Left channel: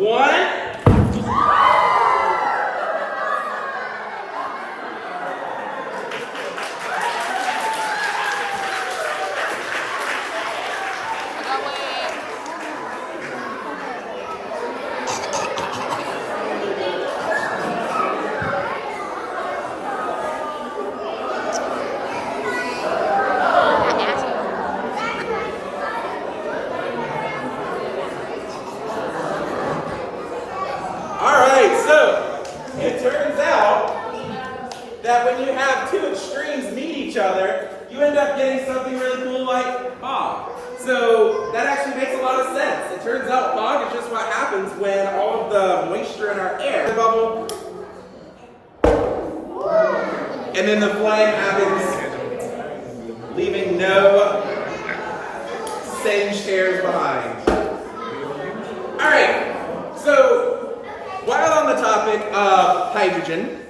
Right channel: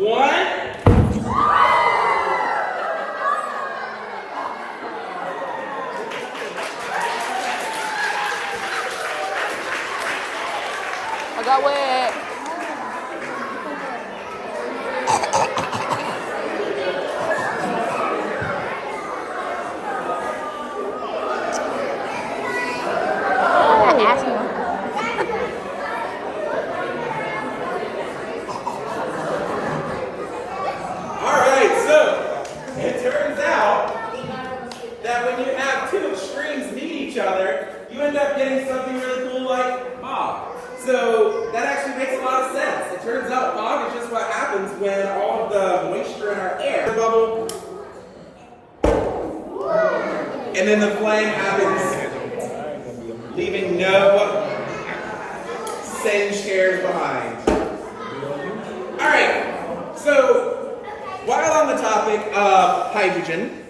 1. You end up getting something really cool like fog. So that actually makes a lot of sense. It turns out fog is just what happens when all of the moisture in our air bubble, and then the flame happens, leaving no singed hairs behind. All right, so while on the topic of hydrogen,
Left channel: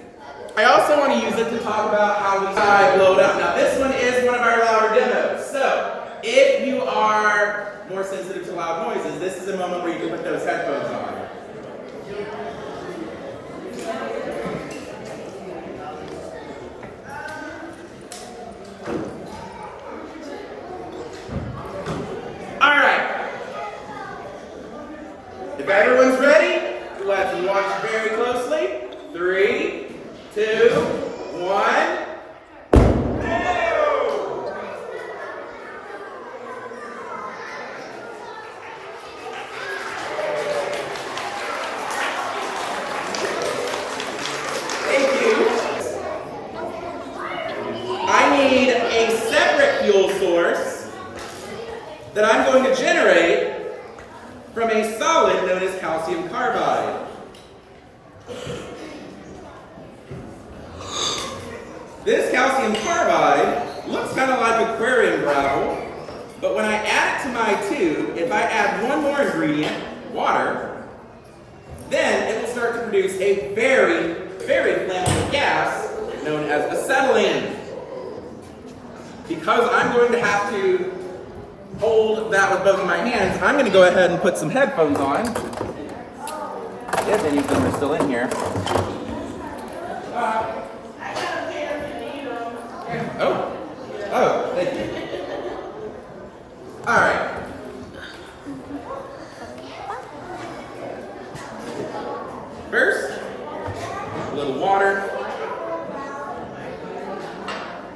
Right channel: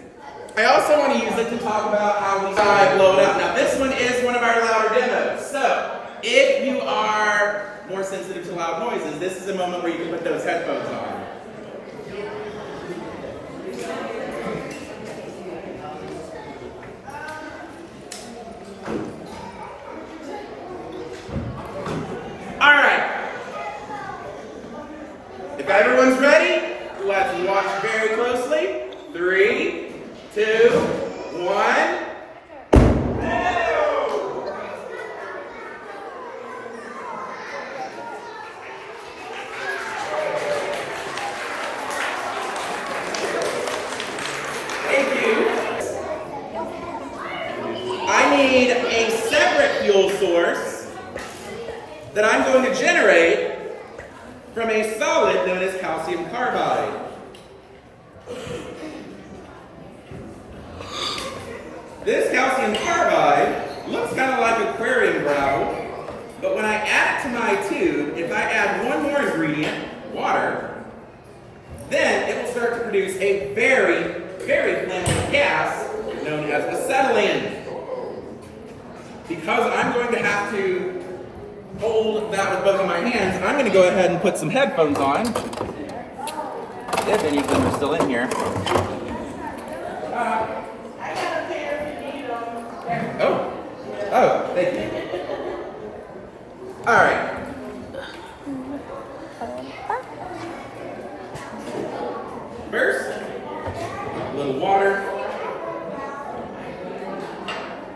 I also want to use it to talk about how we blow it up. Now this one is one of our louder demos. So if you are more sensitive to loud noises, this is a moment where you can put those headphones on. All right. If everyone's ready, let's watch very closely. 3, 2, 1. Thank you. I need a separate fuel source that I'm going to generate from a solid known as calcium carbide. This calcium carbide looks kind of like aquarium gravel, but when I add it to my tube, if I add one more ingredient, water, then it will start to produce a very, very flammable gas known as acetylene. Because I'm going to have to hold that with both of my hands, I'm going to go ahead and put some headphones on. If any of them are still in here. Oh, thank you. All right. First, a little water,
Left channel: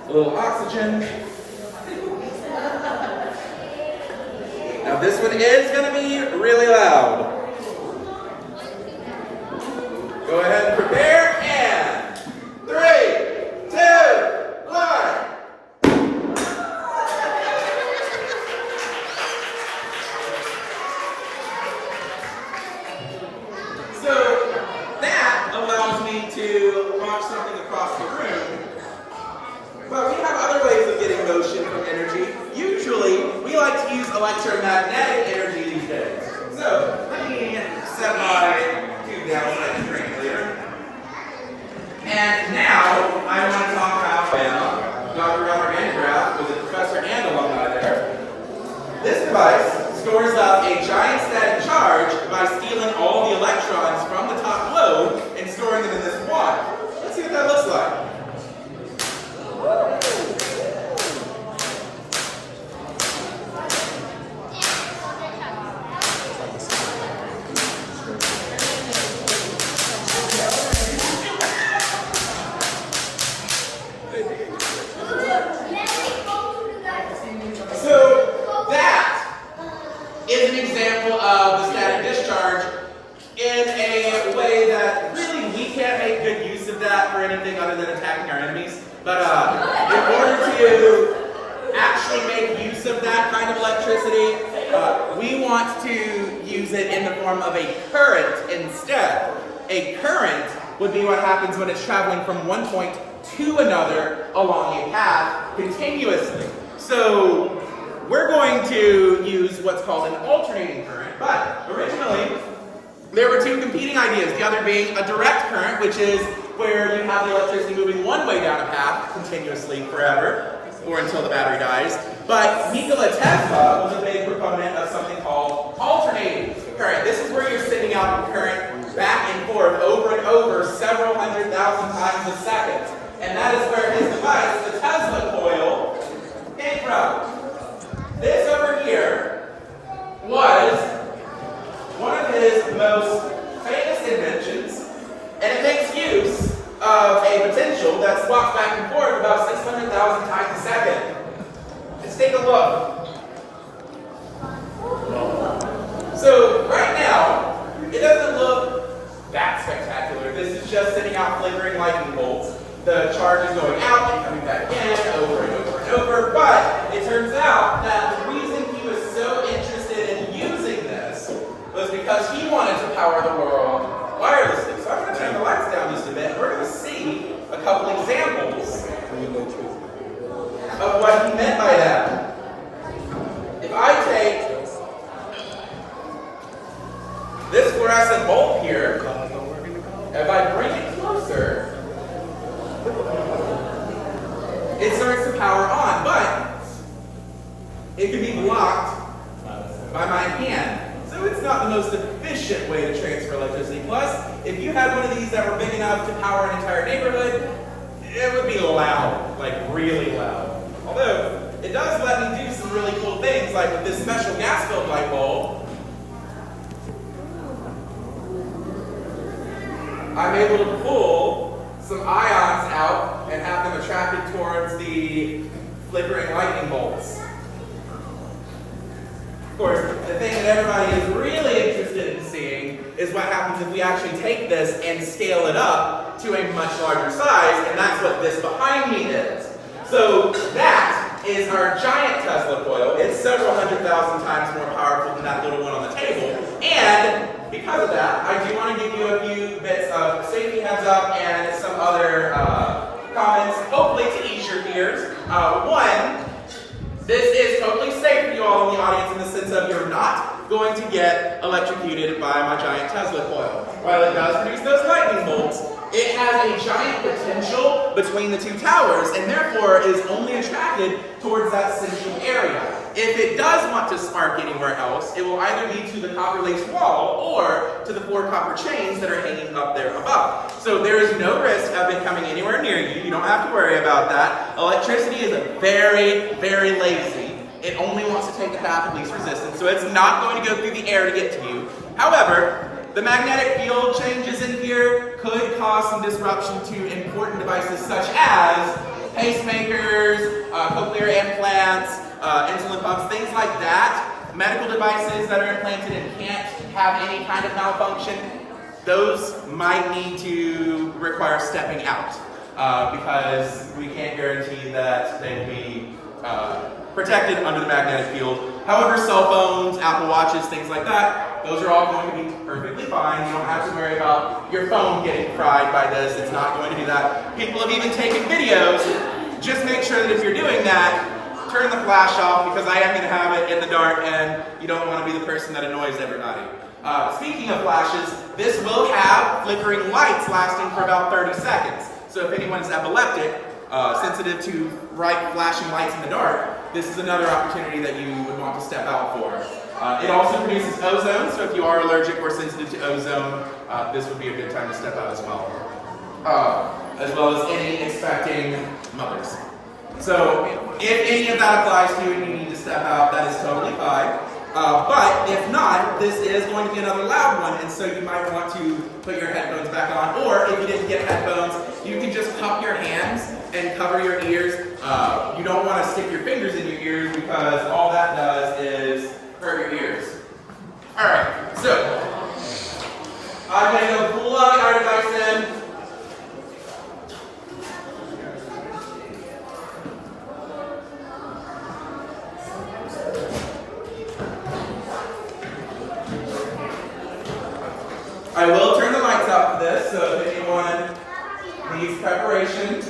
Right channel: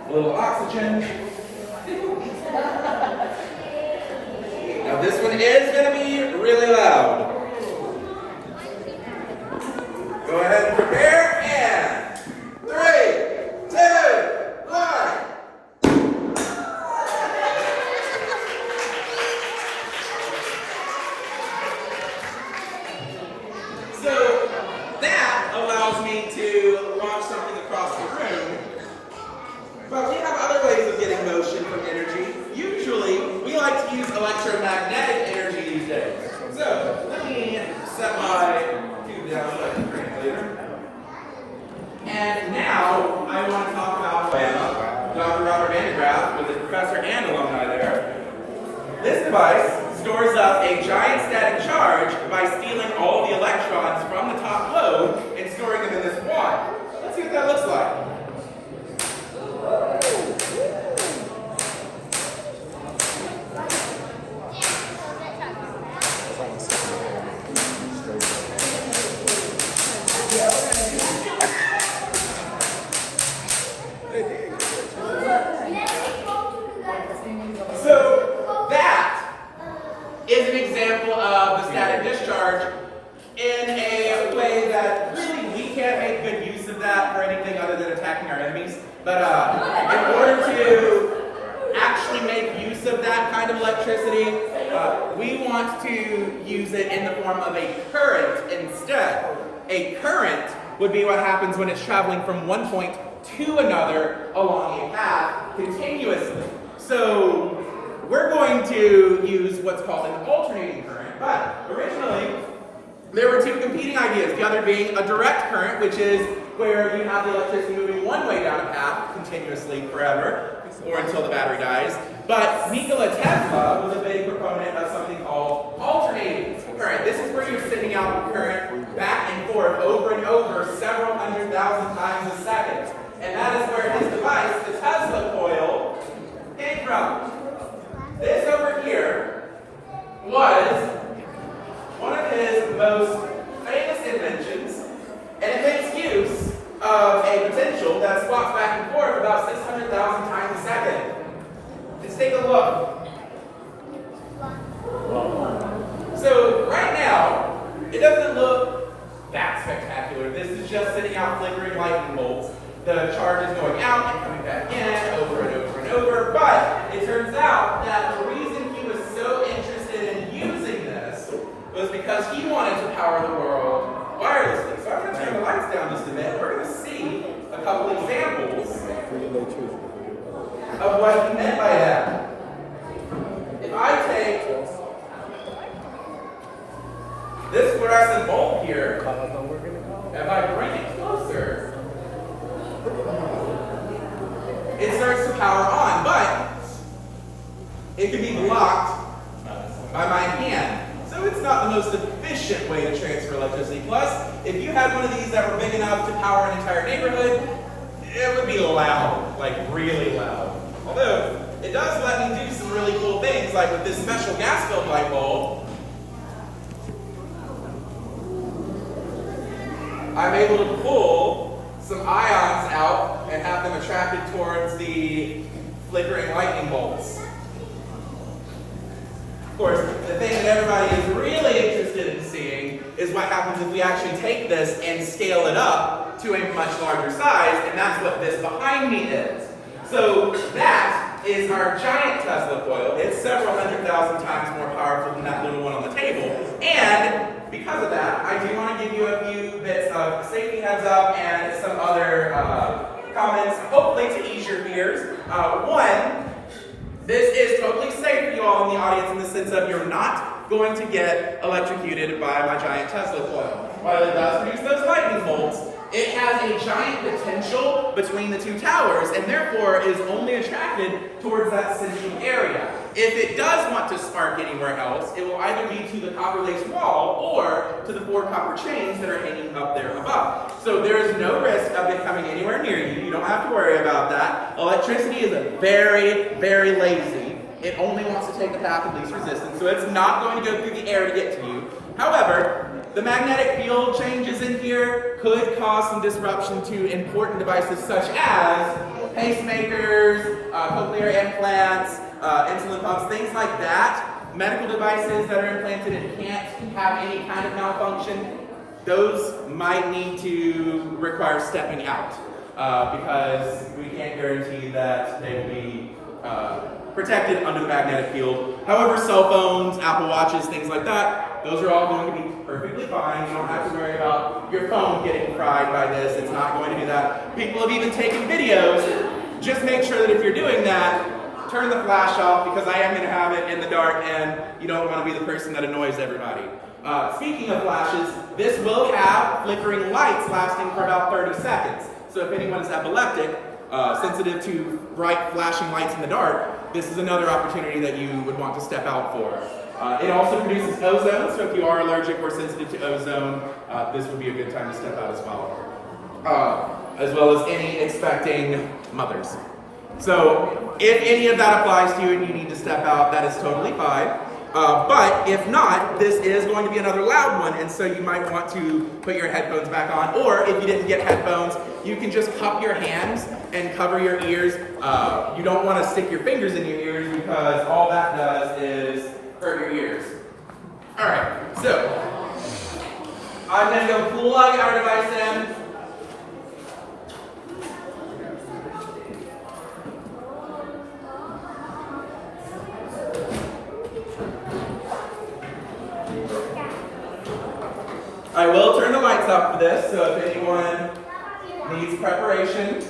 a little oxygen. Now this one is going to be really loud. Go ahead and prepare, and 3, 2, 1. So that allows me to launch something across the room, but we have other ways of getting motion from energy. Usually, we like to use electromagnetic energy these days. So let me set my tube down so I can drink later. And now I want to talk about Dr. Robert Van de Graaff, who is a professor and alumni there. This device stores up a giant static charge by stealing all the electrons from the top lobe and storing them in this wad. Let's see what that looks like. So that is an example of the static discharge in a way that really we can't make good use of that for anything other than attacking our enemies. But in order to actually make use of that kind of electricity, we want to use it in the form of a current instead. A current would be what happens when it's traveling from one point to another along a path continuously. So we're going to use what's called an alternating current, but originally there were two competing ideas, the other being a direct current, which is where you have the electricity moving one way down a path continuously forever, or until the battery dies. But Nikola Tesla was a big proponent of something called alternating current. This is where you're sending out electric current back and forth over and over several 100,000 times a second. And that is where his device, the Tesla coil, came from. This over here was one of his most famous inventions, and it makes use of a potential that swaps back and forth about 600,000 times a second. Let's take a look. So right now, it doesn't look that spectacular. This is just sending out flickering lightning bolts. The charge is going out and coming back in over and over and over. But it turns out that the reason he was so interested in using this was because he wanted to power the world wirelessly. So I'm going to turn the lights down just a bit. We're going to see a couple examples of what he meant by that. If I take this fluorescent bulb here, if I bring it closer, it starts to power on, but it can be blocked by my hand. So it's not the most efficient way to transfer electricity. Plus, if you had one of these that were big enough to power an entire neighborhood, it would be loud, like really loud. Although, it does let me do some really cool things, like with this special gas-filled light bulb, I'm able to pull some ions out and have them attracted towards the flickering lightning bolts. Of course, the thing that everybody is really interested in seeing is what happens if we actually take this and scale it up to a much larger size, and that's what this behind me is. So that is our giant Tesla coil. It's several 100,000 times more powerful than that little one on the table. And because of that, I do want to give you a few bits of safety heads up and some other comments, hopefully to ease your fears. One, this is totally safe for you all in the audience in the sense of you're not going to get electrocuted by my giant Tesla coil. While it does produce those lightning bolts, it has a giant potential between the two towers and therefore is only attracted towards that central area. If it does want to spark anywhere else, it will either be to the copper lace wall or to the 4 copper chains that are hanging up there above. So there is no risk of it coming anywhere near you. You don't have to worry about that. Electricity is very, very lazy. It only wants to take the path of least resistance, so it's not going to go through the air to get to you. However, the magnetic field changes in here could cause some disruption to important devices such as pacemakers, cochlear implants, insulin pumps, things like that. Medical devices that are implanted and can't have any kind of malfunction, those might need to require stepping out because we can't guarantee that they'd be protected under the magnetic field. However, cell phones, Apple Watches, things like that, those are all going to be perfectly fine. You don't have to worry about your phone getting fried by this. It's not going to do that. People have even taken videos. Just make sure that if you're doing that, turn the flash off because I am going to have it in the dark and you don't want to be the person that annoys everybody. Speaking of flashes, this will have flickering lights lasting for about 30 seconds. So if anyone is epileptic, sensitive to bright flashing lights in the dark, this is another opportunity that you would want to step out for. It also produces ozone, so if you are allergic or sensitive to ozone, this would be a good time to step out as well. As well as any expecting mothers. So if any of that applies to you and you need to step out, that is totally fine. But if not, this is going to be another loud one, and so you might want to put your headphones back on, or if you didn't get headphones, you can just cup your hands and cover your ears. You don't want to stick your fingers in your ears because all that does is hurt your ears. Alright, so I'm going to go plug our device in. I will turn the lights off for this, so if anyone needs preparation,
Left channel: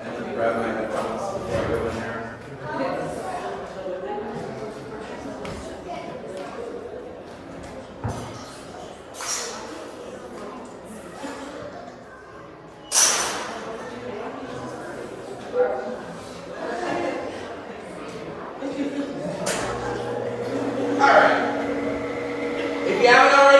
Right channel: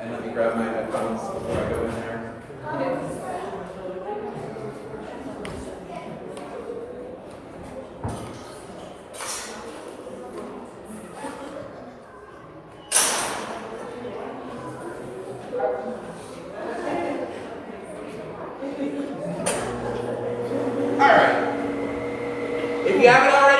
and let me grab my headphones before I go in there. All right. If you haven't already